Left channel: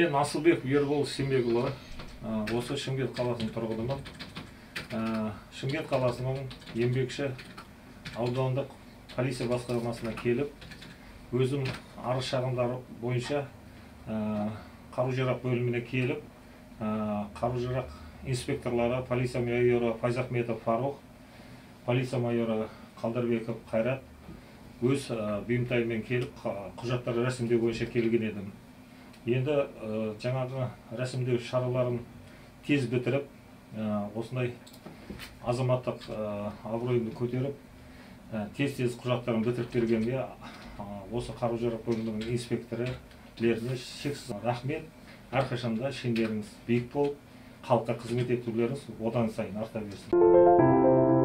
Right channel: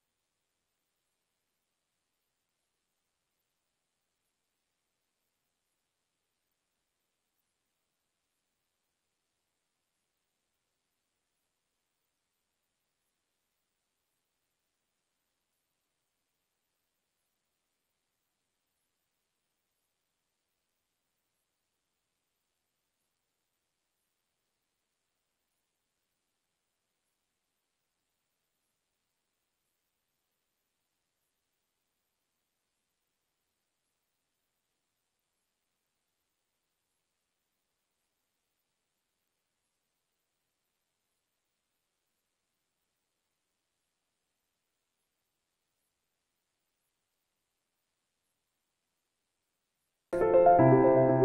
Мен Асылбек Ербол Сембекұлы, осы Шымкент қаласының тұрғынымын. Шымкент қаласының еңбекші аудандық полиция басқармасына келіп, өзім арыз шағымдары бойынша қару-жарақ бөліміне келіп, қару-жарақ инспекторлары полиция майоры Файзахметов Фарух, полиция майоры Қалдарбеков Қайрат өз бұйымтайымен келіп, құжаттарды рәсімдеу бойынша келген едім. Енді жаңағы рәсімдеу шараларын тез бітіріп, осындай азаматтық абыройымды көтеріп, тез құжаттарын бітіріп бергенге осы қару-жарақ бөлімінің инспекторлеріне шексіз рахмет. Әрқашанда шендеріңіз биік болып, халыққа қызмет етулеріңіз одан сайын арта берсін.